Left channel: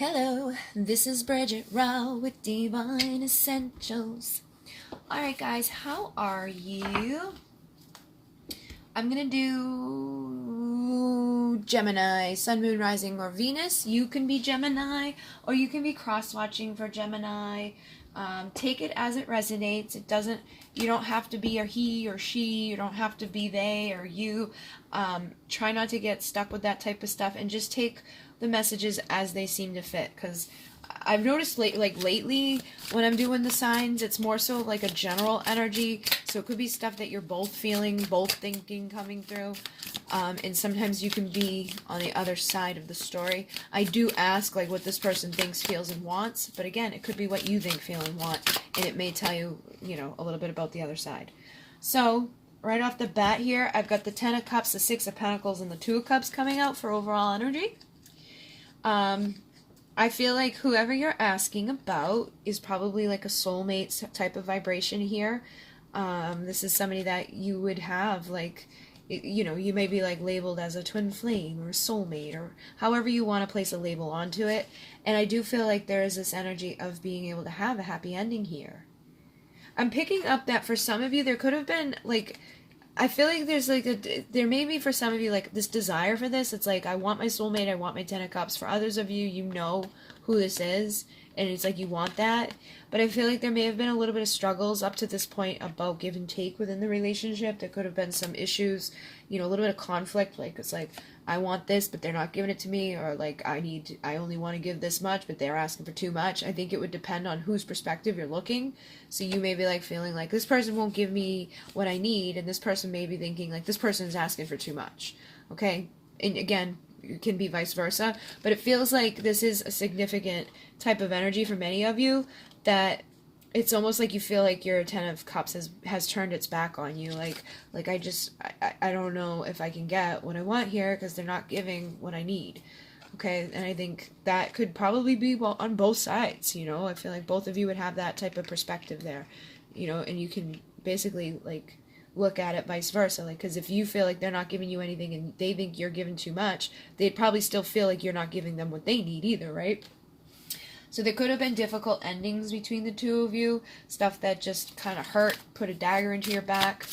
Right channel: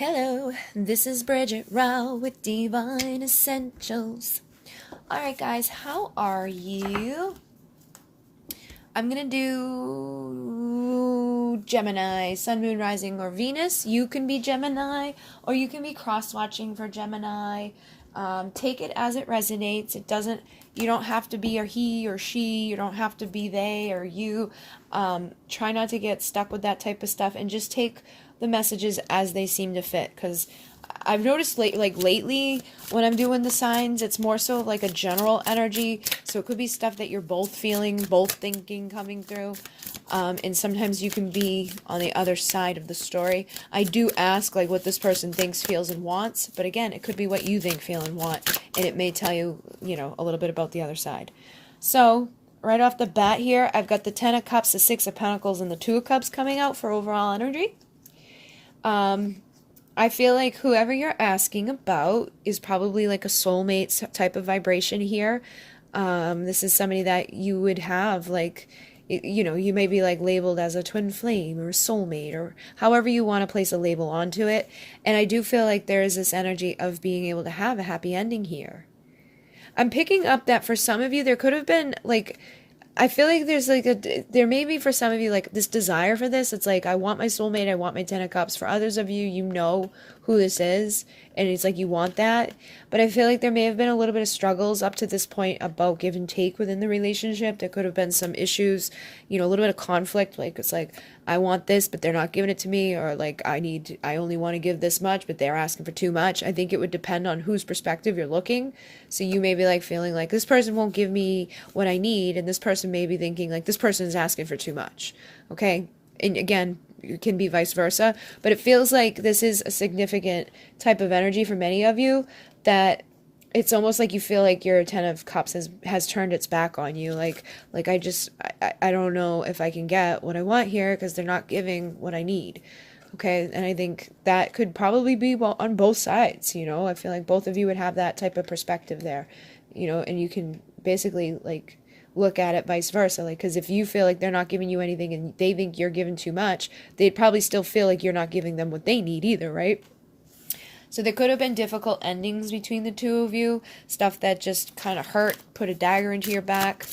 Hello, this is Bridget Rau with Divine Essentials. Alright guys, how are you? I'm going to do Gemini, Sun, Moon, Rising, or Venus. You can be Gemini, or you can be cross-watching for Gemini. Take it as it resonates. You don't have to be or he or she. You don't have to be they or you. Try not to get stuck with that type of stuff and just take the messages as they seem to fit, because I've noticed lately when I'm doing the signs, it's more so like a general energy. So it could be stuff that you're both feeling, both thinking coming through. And sometimes you can be on the other side of the story. I do ask like what this person thinks, feels, and wants. But again, it could be what you think, feel, and want. And it may tell you, a little bit about the other side. So right off the bat here, I've got the 10 of Cups, the 6 of Pentacles, and the 2 of Cups coming out for overall energy. I feel like whoever you're asking about is probably like a soulmate type of vibration here. This is somebody that you would have like, you may be like labeled as a twin flame or a soulmate or however you want to place a label onto it. And I do feel like there is this energy of being able to have a happy ending here. I'm picking up that for some of you, there could have been like, I feel like there may be for some of you like this desire for this. It's like, I want my soulmate, I want my 10 of Cups. For others of you, you know who this is, and it's like you want that. But I feel like there may have been a little bit of struggles up to this point about give and take within the relationship. There could have been some issues, a little bit of conflict. Like, it's like, I want this, but they're not giving it to me. Or like, I only want to give this much, but they're asking for too much. I think it would depend on whose perspective you're looking. So you may be like feeling like this person won't give me what I need. And this person may be thinking like this person is asking for too much. Okay. And again, it can be vice versa, but it feels like this is a significant type of energy for many of you, that it's almost like you feel like your 10 of Cups has turned its back on you. Like I don't know if I can get what I want here because they're not giving what I need. Okay. And I think that could probably be on both sides. I feel like both of you would have that type of perspective there, and you can basically like look at it vice versa. Like, because if you feel like they're not giving you anything and they think you're giving too much, they'd probably still feel like you're not giving them what they need either, right? So there could have been difficult endings between the two of you, stuff that just kind of hurt, put a dagger into your back.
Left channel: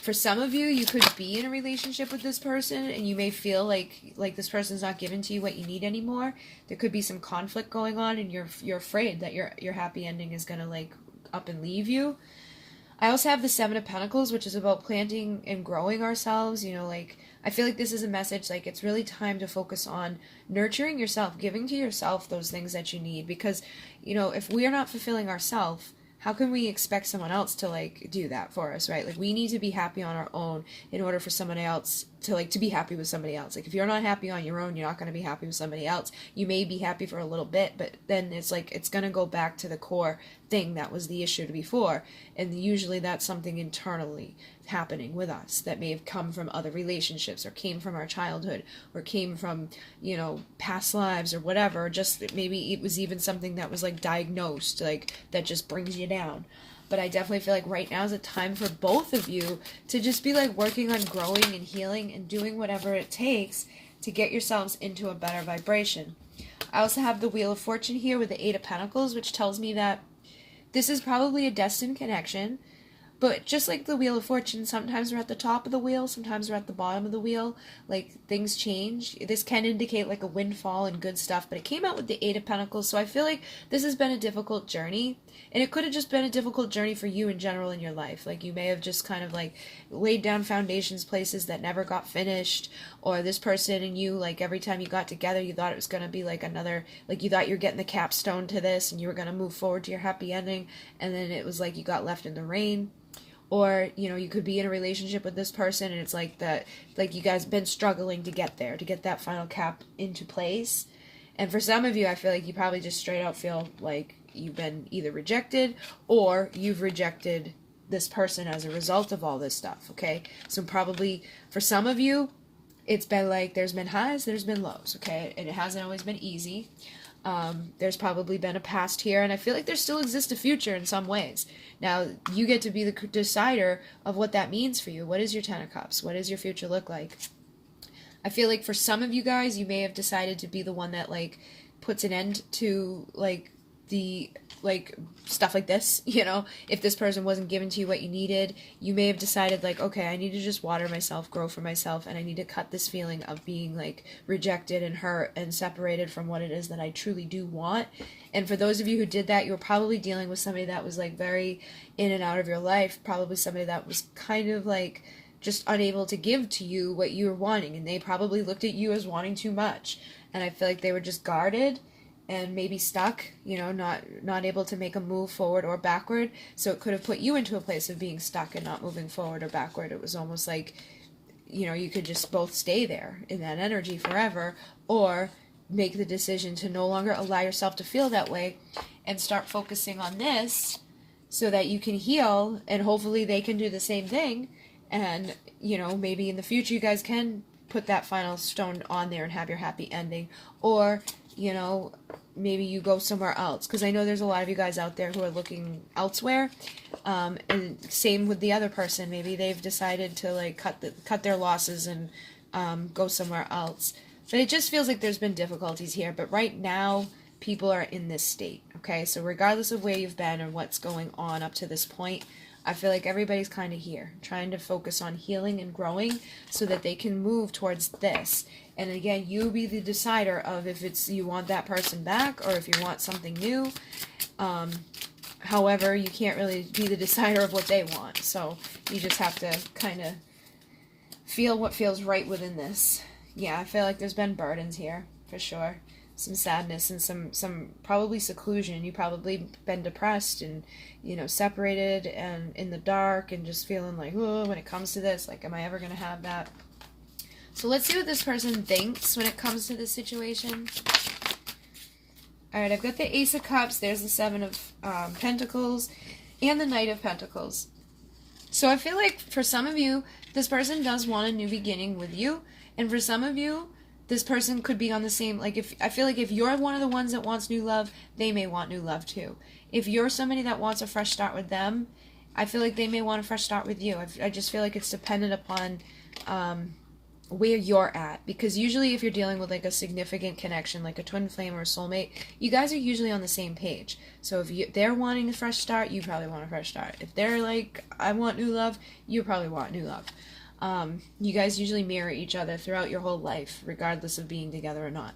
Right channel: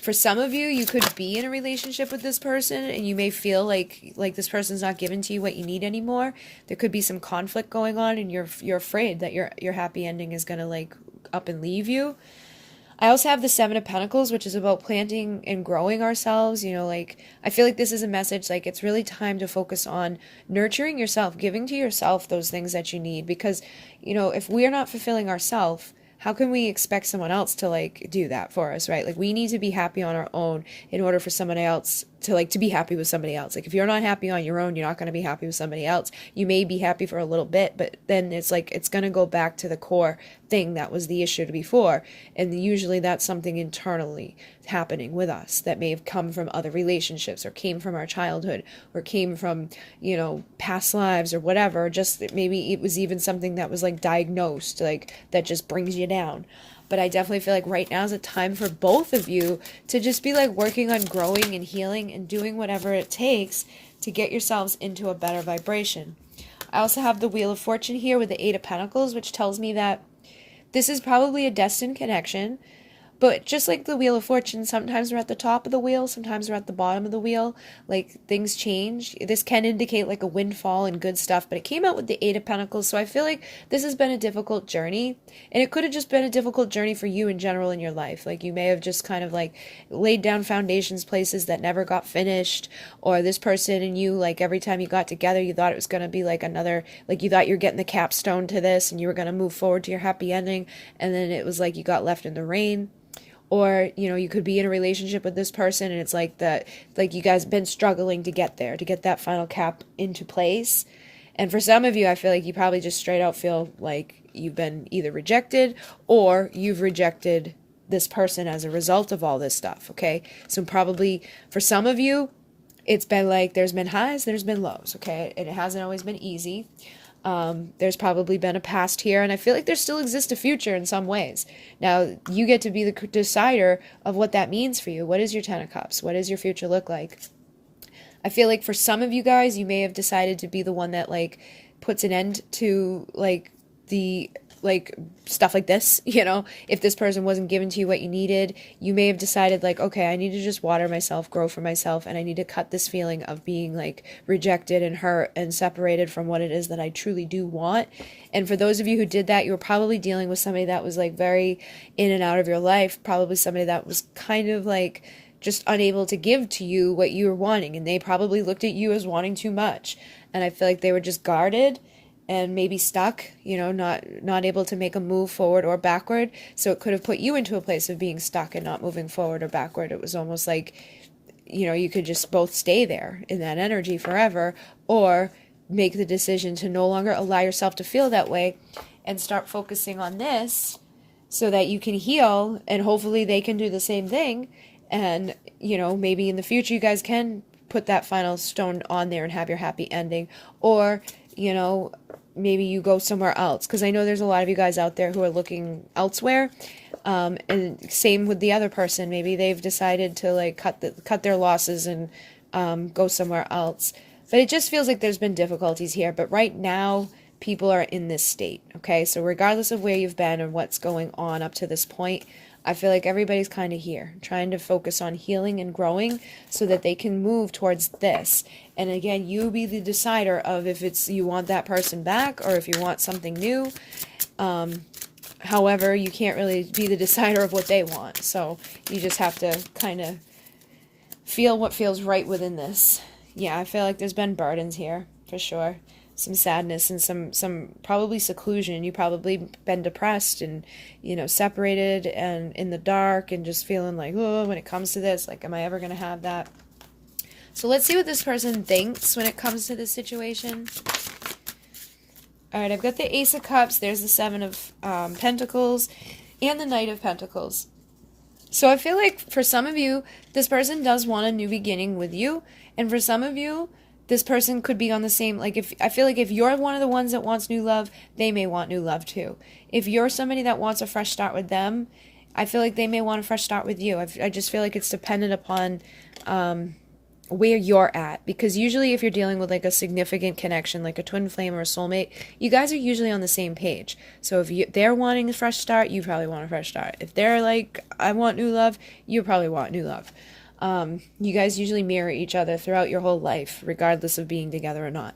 For some of you, you could be in a relationship with this person and you may feel like this person's not giving to you what you need anymore. There could be some conflict going on and you're afraid that your happy ending is going to like up and leave you. I also have the 7 of Pentacles, which is about planting and growing ourselves. I feel like this is a message, like it's really time to focus on nurturing yourself, giving to yourself those things that you need. Because, if we are not fulfilling ourselves, how can we expect someone else to like do that for us, right? Like we need to be happy on our own in order for someone else to be happy with somebody else. Like if you're not happy on your own, you're not going to be happy with somebody else. You may be happy for a little bit, but then it's like it's going to go back to the core thing that was the issue before. And usually that's something internally happening with us that may have come from other relationships or came from our childhood or came from, past lives or whatever. Just maybe it was even something that was like diagnosed, like that just brings you down. But I definitely feel like right now is a time for both of you to just be like working on growing and healing and doing whatever it takes to get yourselves into a better vibration. I also have the Wheel of Fortune here with the 8 of Pentacles, which tells me that this is probably a destined connection. But just like the Wheel of Fortune, sometimes we're at the top of the wheel, sometimes we're at the bottom of the wheel. Like, things change. This can indicate like a windfall and good stuff, but it came out with the 8 of Pentacles, so I feel like this has been a difficult journey. And it could have just been a difficult journey for you in general in your life. Like, you may have just kind of like laid down foundations, places that never got finished. Or this person and you, like, every time you got together, you thought it was going to be like another, like, you thought you were getting the capstone to this and you were going to move forward to your happy ending. And then it was like you got left in the rain. Or, you could be in a relationship with this person and it's like that, like you guys have been struggling to get there, to get that final cap into place. And for some of you, I feel like you probably just straight out feel like you've been either rejected or you've rejected this person as a result of all this stuff, okay? So probably for some of you, it's been like there's been highs, there's been lows, okay? And it hasn't always been easy. There's probably been a past here, and I feel like there still exists a future in some ways. Now, you get to be the decider of what that means for you. What is your 10 of Cups? What does your future look like? I feel like for some of you guys, you may have decided to be the one that like puts an end to like the like stuff like this, you know, if this person wasn't giving to you what you needed, you may have decided like, okay, I need to just water myself, grow for myself, and I need to cut this feeling of being like rejected and hurt and separated from what it is that I truly do want. And for those of you who did that, you were probably dealing with somebody that was like very in and out of your life, probably somebody that was kind of like just unable to give to you what you were wanting, and they probably looked at you as wanting too much. And I feel like they were just guarded and maybe stuck, you know, not able to make a move forward or backward. So it could have put you into a place of being stuck and not moving forward or backward. It was almost like, you know, you could just both stay there in that energy forever, or make the decision to no longer allow yourself to feel that way and start focusing on this so that you can heal, and hopefully they can do the same thing. And, you know, maybe in the future you guys can put that final stone on there and have your happy ending. Or, you know, maybe you go somewhere else, because I know there's a lot of you guys out there who are looking elsewhere, and same with the other person. Maybe they've decided to like cut their losses and go somewhere else. But it just feels like there's been difficulties here. But right now, people are in this state, okay? So regardless of where you've been and what's going on up to this point, I feel like everybody's kind of here, trying to focus on healing and growing so that they can move towards this. And again, you be the decider of if it's you want that person back or if you want something new. However, you can't really be the decider of what they want. So you just have to kind of feel what feels right within this. Yeah, I feel like there's been burdens here, for sure. Some sadness and some probably seclusion. You probably been depressed and, you know, separated and in the dark and just feeling like, oh, when it comes to this, like, am I ever going to have that? So let's see what this person thinks when it comes to this situation. All right, I've got the Ace of Cups. There's the Seven of Pentacles and the Knight of Pentacles. So I feel like for some of you, this person does want a new beginning with you. And for some of you, this person could be on the same, like, if I feel like if you're one of the ones that wants new love, they may want new love too. If you're somebody that wants a fresh start with them, I feel like they may want a fresh start with you. I just feel like it's dependent upon where you're at. Because usually if you're dealing with like a significant connection, like a twin flame or a soulmate, you guys are usually on the same page. So if they're wanting a fresh start, you probably want a fresh start. If they're like, I want new love, you probably want new love. You guys usually mirror each other throughout your whole life, regardless of being together or not.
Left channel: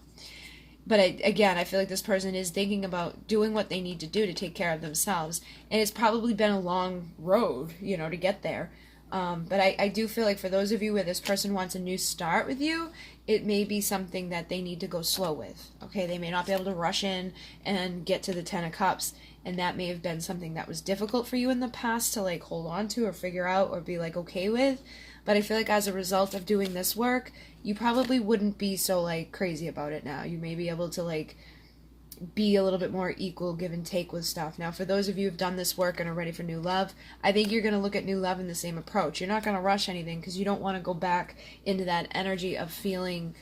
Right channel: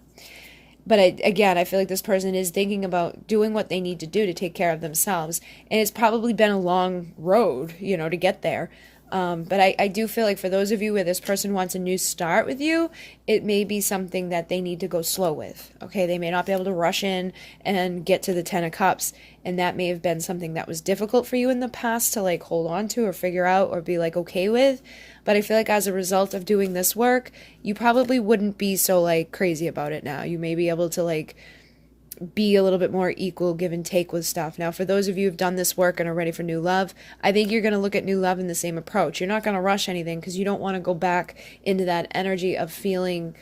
But again, I feel like this person is thinking about doing what they need to do to take care of themselves. And it's probably been a long road, you know, to get there. But I do feel like for those of you where this person wants a new start with you, it may be something that they need to go slow with. Okay, they may not be able to rush in and get to the Ten of Cups. And that may have been something that was difficult for you in the past to like hold on to or figure out or be like okay with. But I feel like as a result of doing this work, you probably wouldn't be so like crazy about it now. You may be able to like be a little bit more equal, give and take with stuff. Now, for those of you who've done this work and are ready for new love, I think you're going to look at new love in the same approach. You're not going to rush anything because you don't want to go back into that energy of feeling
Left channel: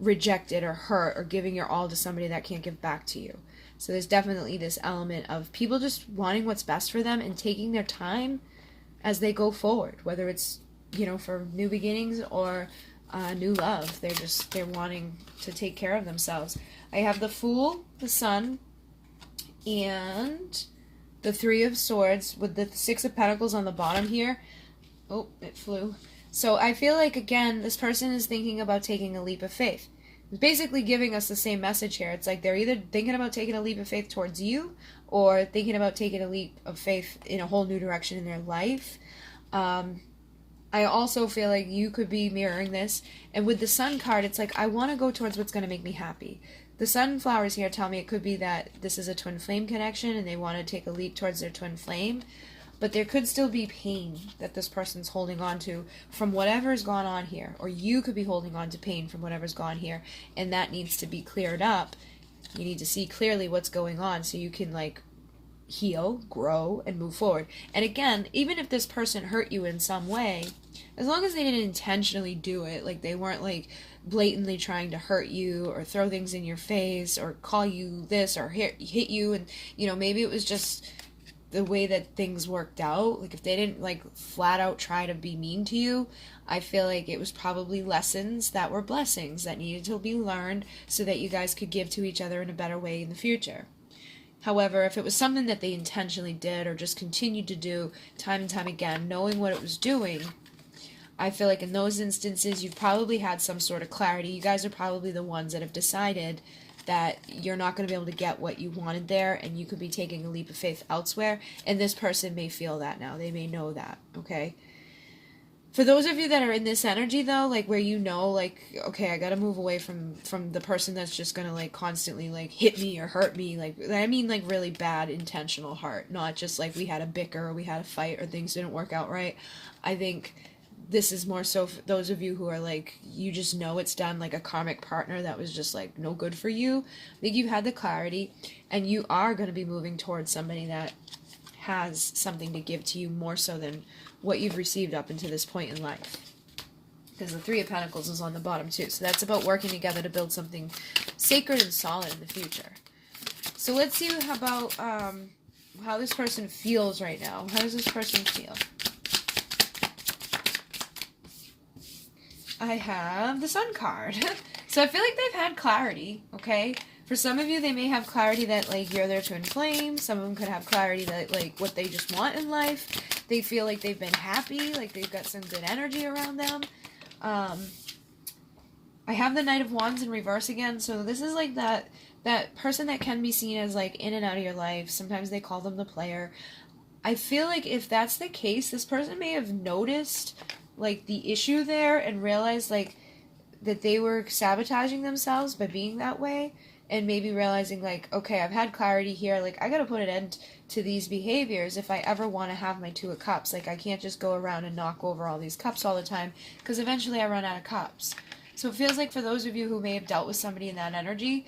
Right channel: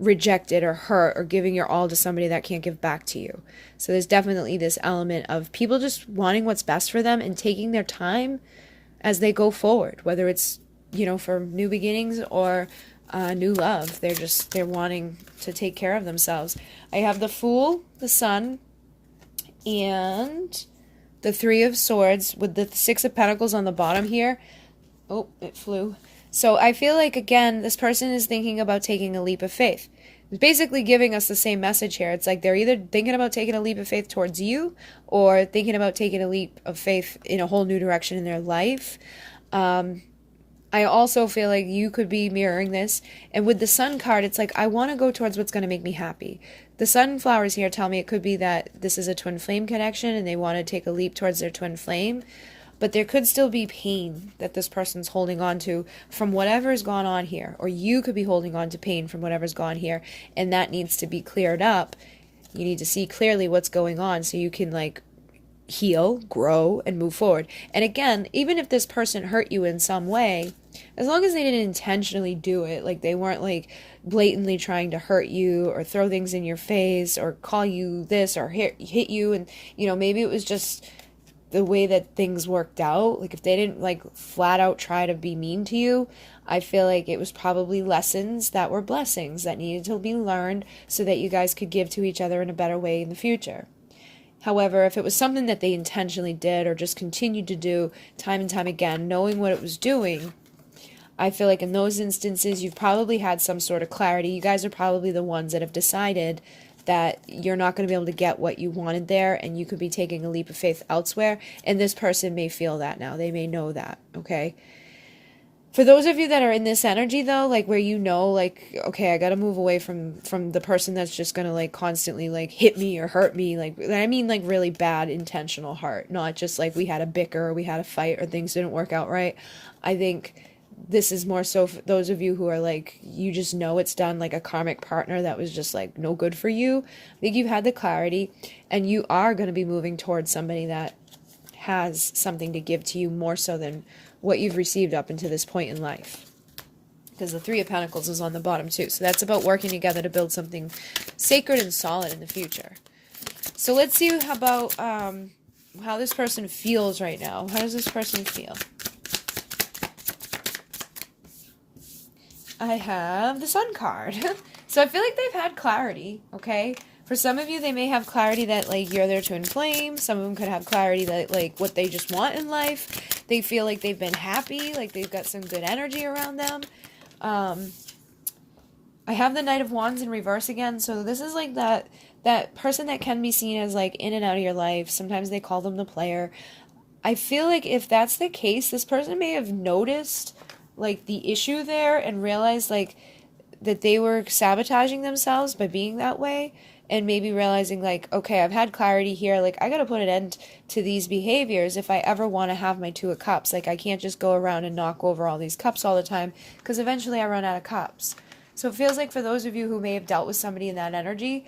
rejected or hurt or giving your all to somebody that can't give back to you. So there's definitely this element of people just wanting what's best for them and taking their time as they go forward, whether it's, you know, for new beginnings or new love. They're wanting to take care of themselves. I have the Fool, the Sun, and the Three of Swords with the Six of Pentacles on the bottom here. Oh, it flew. So I feel like, again, this person is thinking about taking a leap of faith. It's basically giving us the same message here. It's like they're either thinking about taking a leap of faith towards you or thinking about taking a leap of faith in a whole new direction in their life. I also feel like you could be mirroring this. And with the Sun card, it's like, I want to go towards what's going to make me happy. The sunflowers here tell me it could be that this is a twin flame connection and they want to take a leap towards their twin flame. But there could still be pain that this person's holding on to from whatever's gone on here. Or you could be holding on to pain from whatever's gone here. And that needs to be cleared up. You need to see clearly what's going on so you can like heal, grow, and move forward. And again, even if this person hurt you in some way, as long as they didn't intentionally do it, like they weren't like blatantly trying to hurt you or throw things in your face or call you this or hit you, and you know, maybe it was just the way that things worked out. Like if they didn't like flat out try to be mean to you, I feel like it was probably lessons that were blessings that needed to be learned so that you guys could give to each other in a better way in the future. However, if it was something that they intentionally did or just continued to do time and time again, knowing what it was doing, I feel like in those instances, you've probably had some sort of clarity. You guys are probably the ones that have decided that you're not going to be able to get what you wanted there, and you could be taking a leap of faith elsewhere. And this person may feel that now. They may know that, okay? For those of you that are in this energy, though, like where you know, like, okay, I got to move away from the person that's just going to, like, constantly, like, hit me or hurt me. Like, I mean, like, really bad intentional hurt. Not just, like, we had a bicker or we had a fight or things didn't work out right. I think this is more so for those of you who are, like, you just know it's done, like a karmic partner that was just, like, no good for you. I think you've had the clarity, and you are going to be moving towards somebody that has something to give to you more so than what you've received up until this point in life. Because the Three of Pentacles is on the bottom too. So that's about working together to build something sacred and solid in the future. So let's see about how this person feels right now. How does this person feel? I have the Sun card. So I feel like they've had clarity, okay? For some of you, they may have clarity that, like, you're their twin flame. Some of them could have clarity that, like, what they just want in life. They feel like they've been happy, like they've got some good energy around them. I have the Knight of Wands in reverse again, so this is like that person that can be seen as, like, in and out of your life. Sometimes they call them the player. I feel like if that's the case, this person may have noticed, like, the issue there and realized, like, that they were sabotaging themselves by being that way. And maybe realizing, like, okay, I've had clarity here. Like, I got to put an end to these behaviors if I ever want to have my Two of Cups. Like, I can't just go around and knock over all these cups all the time because eventually I run out of cups. So it feels like for those of you who may have dealt with somebody in that energy,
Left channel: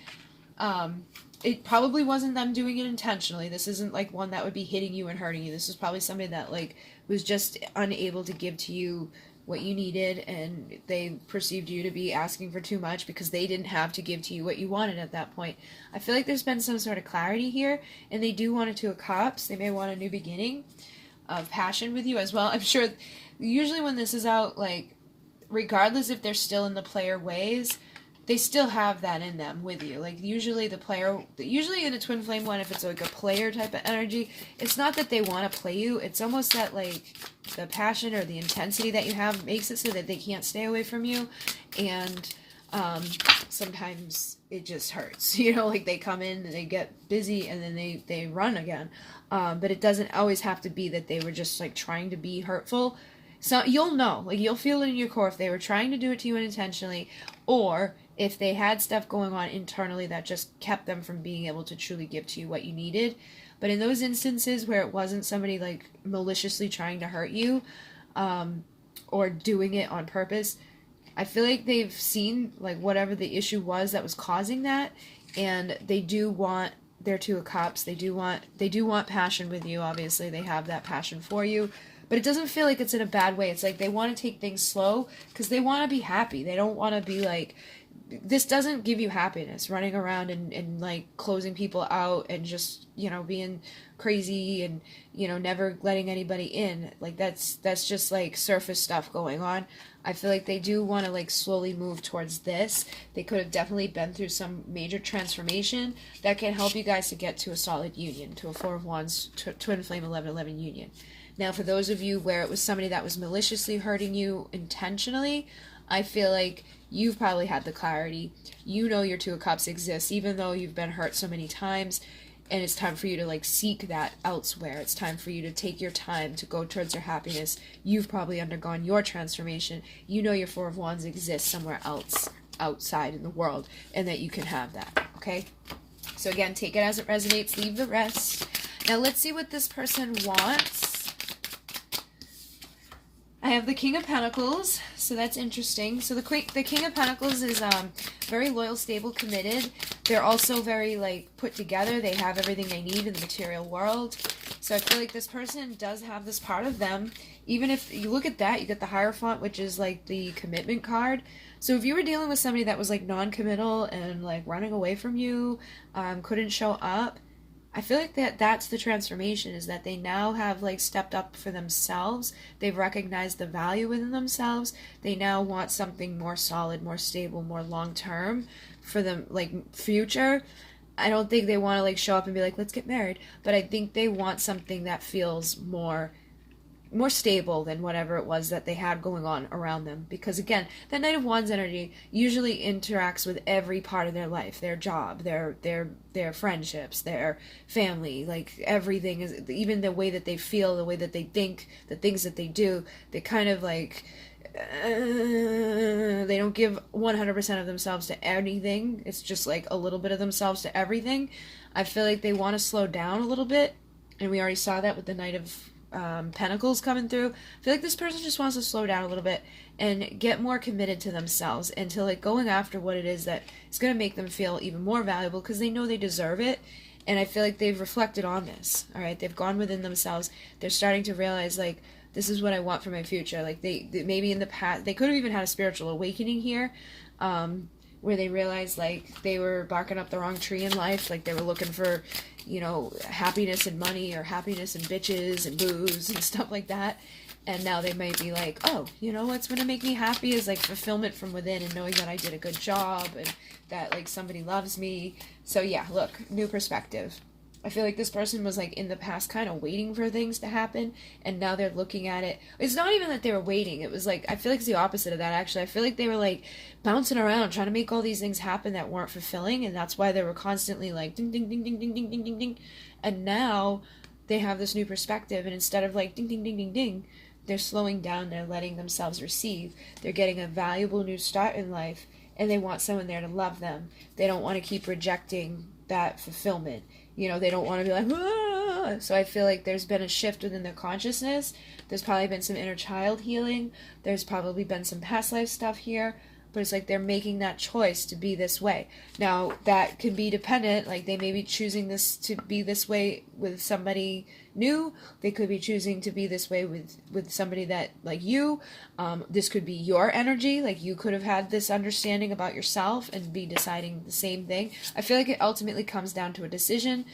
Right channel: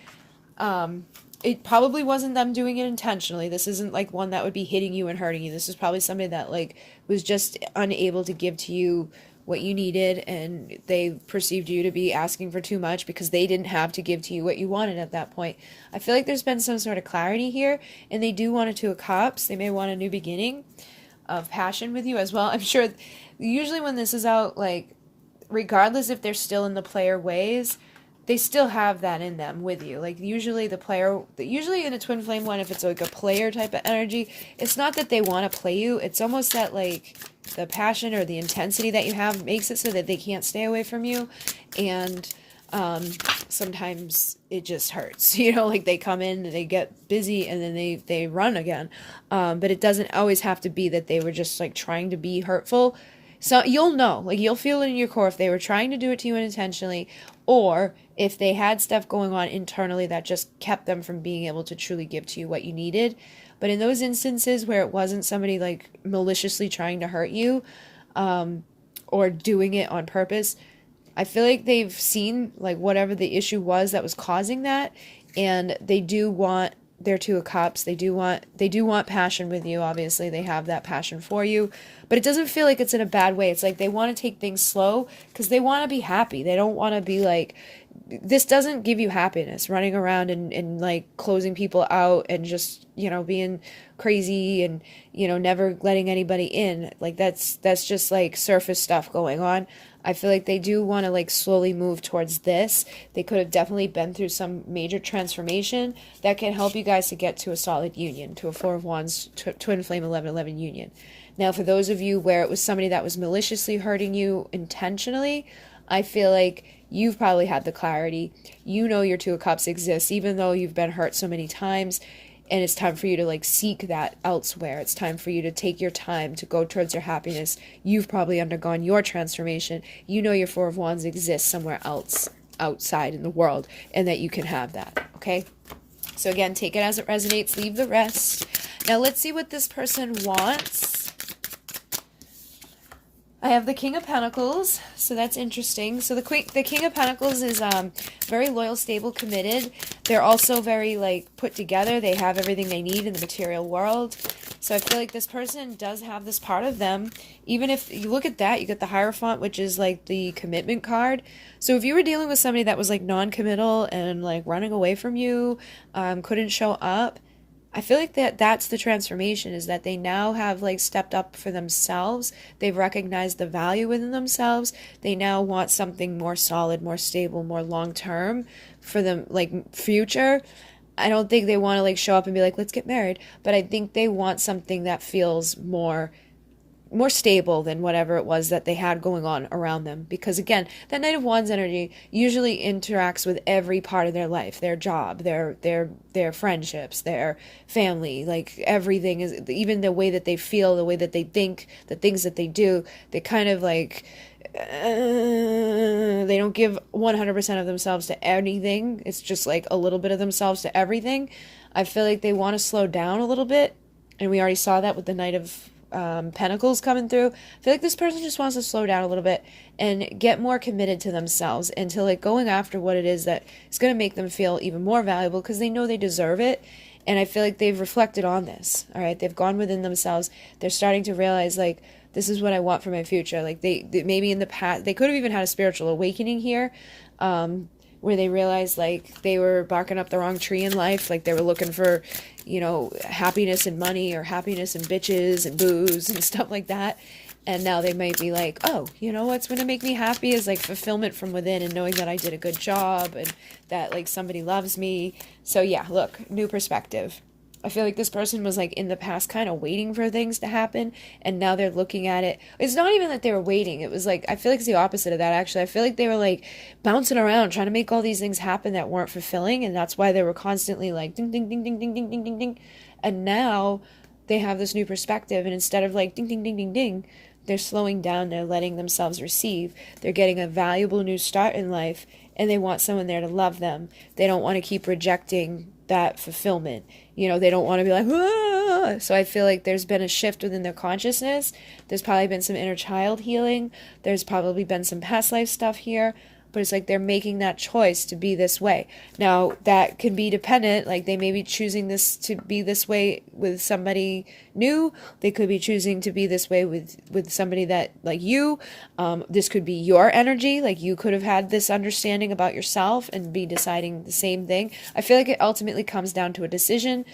it probably wasn't them doing it intentionally. This isn't, like, one that would be hitting you and hurting you. This is probably somebody that, like, was just unable to give to you what you needed, and they perceived you to be asking for too much because they didn't have to give to you what you wanted at that point. I feel like there's been some sort of clarity here, and they do want a Two of Cups. They may want a new beginning of passion with you as well. I'm sure usually when this is out, like, regardless if they're still in the player ways, they still have that in them with you. Like, usually usually in a twin flame one, if it's like a player type of energy, it's not that they want to play you. It's almost that, like, the passion or the intensity that you have makes it so that they can't stay away from you. And sometimes it just hurts, you know, like they come in and they get busy and then they run again. But it doesn't always have to be that they were just, like, trying to be hurtful. So you'll know, like, you'll feel it in your core if they were trying to do it to you unintentionally, or if they had stuff going on internally that just kept them from being able to truly give to you what you needed. But in those instances where it wasn't somebody, like, maliciously trying to hurt you, or doing it on purpose, I feel like they've seen, like, whatever the issue was that was causing that, and they do want their Two of Cups. They do want passion with you. Obviously, they have that passion for you. But it doesn't feel like it's in a bad way. It's like they want to take things slow because they want to be happy. They don't want to be, like, this doesn't give you happiness, running around and like, closing people out and just, you know, being crazy and, you know, never letting anybody in. Like, that's just, like, surface stuff going on. I feel like they do want to, like, slowly move towards this. They could have definitely been through some major transformation that can help you guys to get to a solid union, to a Four of Wands, twin flame 11-11 union. Now, for those of you where it was somebody that was maliciously hurting you intentionally, I feel like you've probably had the clarity. You know your Two of Cups exists, even though you've been hurt so many times, and it's time for you to, like, seek that elsewhere. It's time for you to take your time to go towards your happiness. You've probably undergone your transformation. You know your Four of Wands exists somewhere else, outside in the world, and that you can have that, okay? So again, take it as it resonates, leave the rest. Now let's see what this person wants. I have the King of Pentacles, so that's interesting. So the King of Pentacles is very loyal, stable, committed. They're also very, like, put together. They have everything they need in the material world. So I feel like this person does have this part of them. Even if you look at that, you get the Hierophant, which is, like, the commitment card. So if you were dealing with somebody that was, like, non-committal and, like, running away from you, couldn't show up, I feel like that's the transformation, is that they now have like stepped up for themselves. They've recognized the value within themselves. They now want something more solid, more stable, more long term for them, like future. I don't think they want to like show up and be like, let's get married, but I think they want something that feels more stable than whatever it was that they had going on around them. Because again, that Knight of Wands energy usually interacts with every part of their life, their job, their friendships, their family, like everything. Is even the way that they feel, the way that they think, the things that they do, they kind of like they don't give 100% of themselves to anything. It's just like a little bit of themselves to everything. I feel like they want to slow down a little bit, and we already saw that with the Knight of Pentacles coming through. I feel like this person just wants to slow down a little bit and get more committed to themselves and to like going after what it is that is going to make them feel even more valuable, because they know they deserve it. And I feel like they've reflected on this. All right, they've gone within themselves. They're starting to realize like, this is what I want for my future. Like they maybe in the past they could have even had a spiritual awakening here, where they realized like they were barking up the wrong tree in life. Like they were looking for, you know, happiness and money, or happiness and bitches and booze and stuff like that. And now they might be like, oh, you know what's going to make me happy is like fulfillment from within, and knowing that I did a good job and that like somebody loves me. So yeah, look, new perspective. I feel like this person was like in the past kind of waiting for things to happen, and now they're looking at it. It's not even that they were waiting. It was like, I feel like it's the opposite of that, actually. I feel like they were like bouncing around trying to make all these things happen that weren't fulfilling, and that's why they were constantly like ding, ding, ding, ding, ding, ding, ding, ding, ding. And now they have this new perspective, and instead of like ding, ding, ding, ding, ding, they're slowing down. They're letting themselves receive. They're getting a valuable new start in life, and they want someone there to love them. They don't want to keep rejecting that fulfillment. You know, they don't want to be like, ah! So I feel like there's been a shift within their consciousness. There's probably been some inner child healing. There's probably been some past life stuff here. But it's like they're making that choice to be this way. Now, that can be dependent. Like, they may be choosing this to be this way with somebody new. They could be choosing to be this way with somebody that, like you. This could be your energy. Like, you could have had this understanding about yourself and be deciding the same thing. I feel like it ultimately comes down to a decision.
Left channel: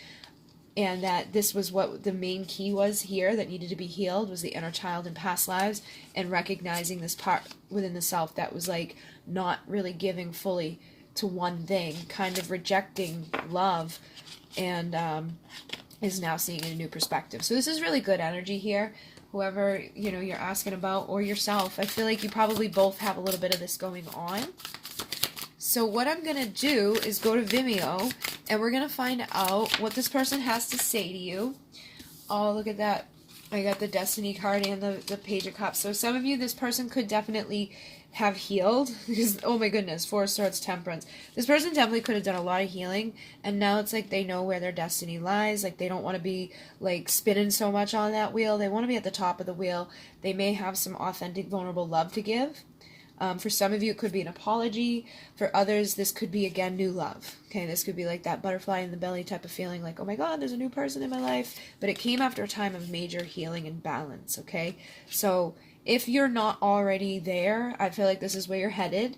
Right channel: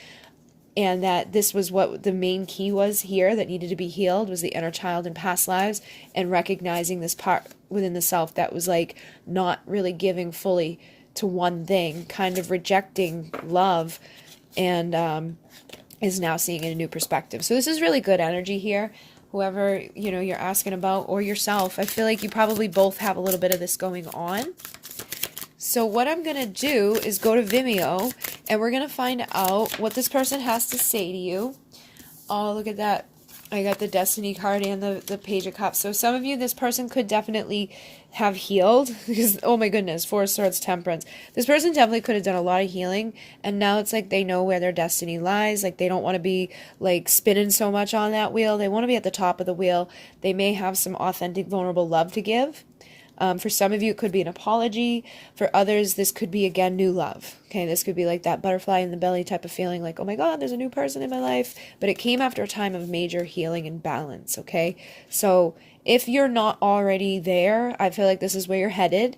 And that this was what the main key was here that needed to be healed, was the inner child and past lives, and recognizing this part within the self that was like not really giving fully to one thing, kind of rejecting love, and is now seeing in a new perspective. So this is really good energy here. Whoever, you know, you're asking about, or yourself, I feel like you probably both have a little bit of this going on. So what I'm going to do is go to Vimeo, and we're going to find out what this person has to say to you. Oh, look at that. I got the Destiny card and the Page of Cups. So some of you, this person could definitely have healed. Because, oh my goodness, Four of Swords, Temperance. This person definitely could have done a lot of healing. And now it's like they know where their destiny lies. Like they don't want to be like spinning so much on that wheel. They want to be at the top of the wheel. They may have some authentic, vulnerable love to give. For some of you, it could be an apology. For others, this could be, again, new love. Okay, this could be like that butterfly in the belly type of feeling, like, oh my God, there's a new person in my life. But it came after a time of major healing and balance, okay? So if you're not already there, I feel like this is where you're headed.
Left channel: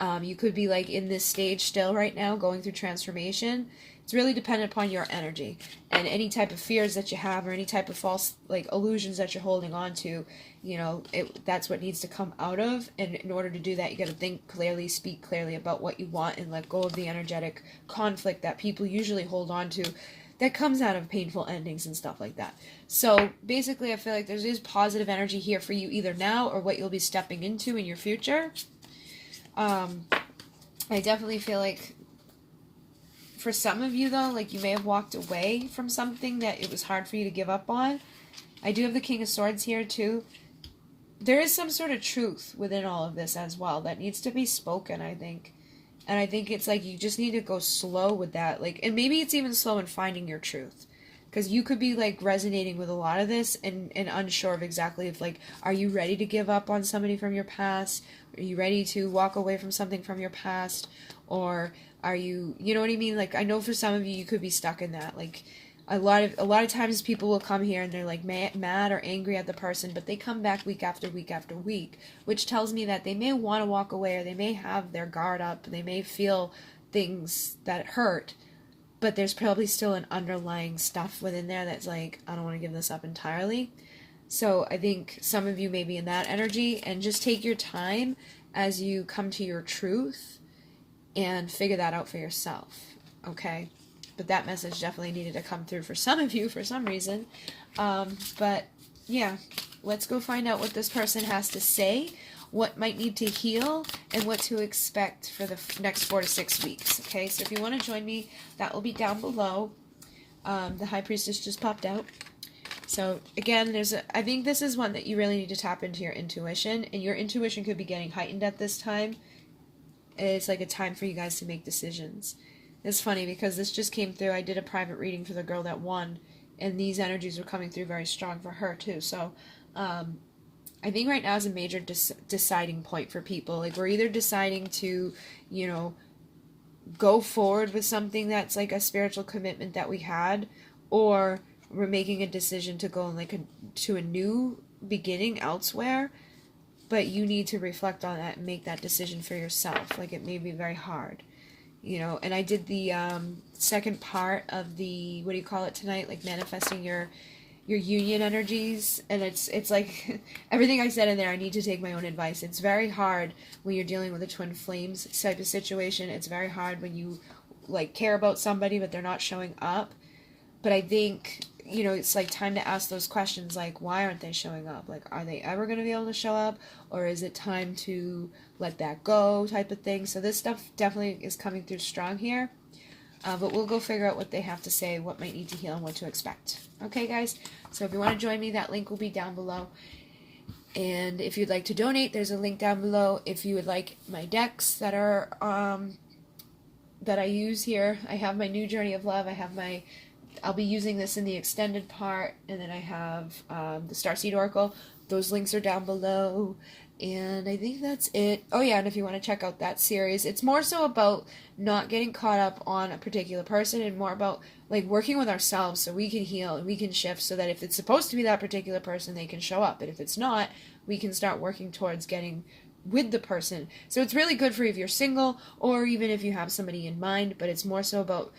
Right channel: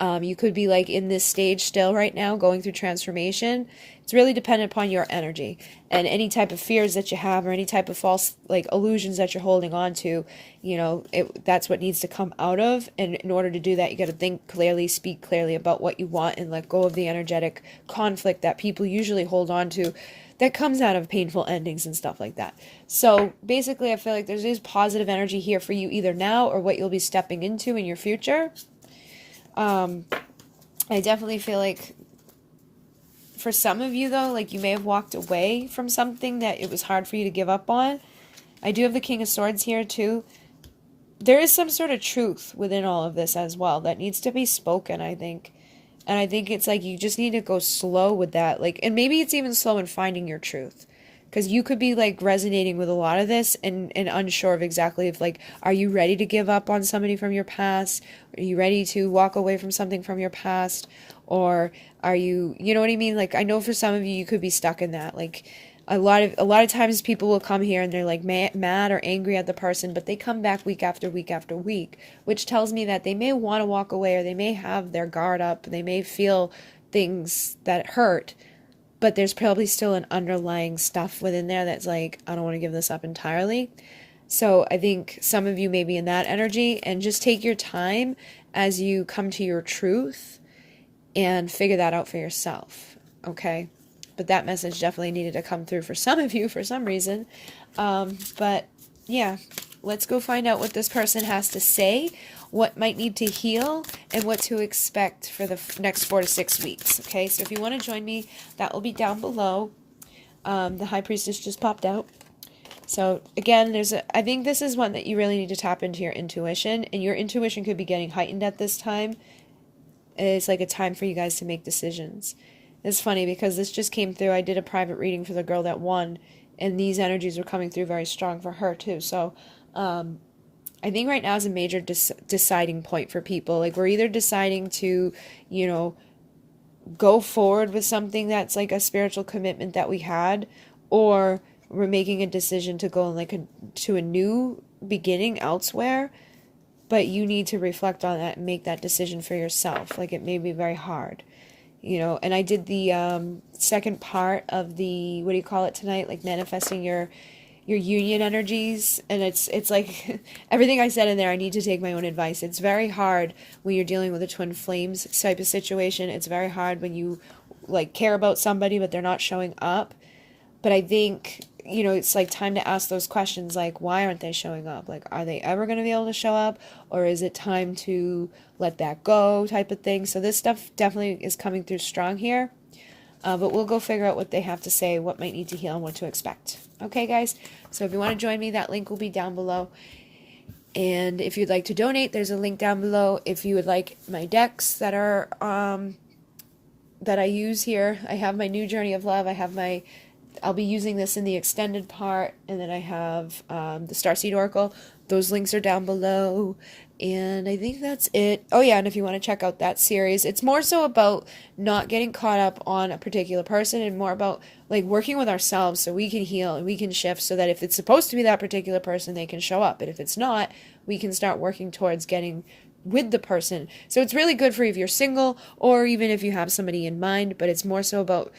You could be like in this stage still right now, going through transformation. It's really dependent upon your energy and any type of fears that you have, or any type of false like illusions that you're holding on to. You know, that's what needs to come out of. And in order to do that, you got to think clearly, speak clearly about what you want, and let go of the energetic conflict that people usually hold on to, that comes out of painful endings and stuff like that. So basically, I feel like there's positive energy here for you either now or what you'll be stepping into in your future. I definitely feel like for some of you, though, like you may have walked away from something that it was hard for you to give up on. I do have the King of Swords here, too. There is some sort of truth within all of this as well that needs to be spoken, I think. And I think it's like you just need to go slow with that. Like, and maybe it's even slow in finding your truth. Because you could be, like, resonating with a lot of this and unsure of exactly if, like, are you ready to give up on somebody from your past? Are you ready to walk away from something from your past? Or are you, you know what I mean? Like, I know for some of you, you could be stuck in that. Like, a lot of times people will come here and they're, like, mad or angry at the person, but they come back week after week after week, which tells me that they may want to walk away, or they may have their guard up, they may feel things that hurt, but there's probably still an underlying stuff within there that's like, I don't want to give this up entirely. So I think some of you may be in that energy, and just take your time as you come to your truth and figure that out for yourself, okay? But that message definitely needed to come through for some of you for some reason. But yeah, let's go find out what this person has to say, what might need to heal, and what to expect for the next 4 to 6 weeks, okay? So if you want to join me, that will be down below. The High Priestess just popped out. So again, I think this is one that you really need to tap into your intuition, and your intuition could be getting heightened at this time. It's like a time for you guys to make decisions. It's funny because this just came through. I did a private reading for the girl that won, and these energies were coming through very strong for her too. So I think right now is a major deciding point for people. Like, we're either deciding to, you know, go forward with something that's like a spiritual commitment that we had, or we're making a decision to go to a new beginning elsewhere. But you need to reflect on that and make that decision for yourself. Like, it may be very hard, you know. And I did the second part of the, what do you call it tonight? Like, manifesting your union energies. And it's like everything I said in there, I need to take my own advice. It's very hard when you're dealing with a twin flames type of situation. It's very hard when you like care about somebody but they're not showing up. But I think, you know, it's like time to ask those questions, like, why aren't they showing up? Like, are they ever going to be able to show up? Or is it time to let that go type of thing? So this stuff definitely is coming through strong here. But we'll go figure out what they have to say, what might need to heal, and what to expect. Okay, guys? So if you want to join me, that link will be down below. And if you'd like to donate, there's a link down below. If you would like my decks that are, that I use here, I have my New Journey of Love. I'll be using this in the extended part, and then I have the Starseed Oracle. Those links are down below, and I think that's it. Oh yeah, and if you want to check out that series, it's more so about not getting caught up on a particular person, and more about like working with ourselves so we can heal and we can shift, so that if it's supposed to be that particular person, they can show up, but if it's not, we can start working towards getting with the person. So it's really good for if you're single, or even if you have somebody in mind, but it's more so about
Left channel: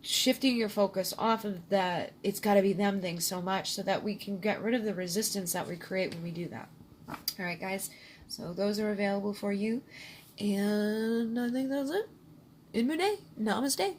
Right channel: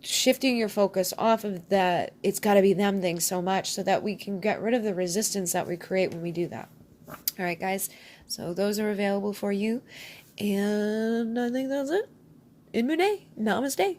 shifting your focus off of that it's got to be them thing so much, so that we can get rid of the resistance that we create when we do that. All right, guys, so those are available for you, and I think that's it. Namaste.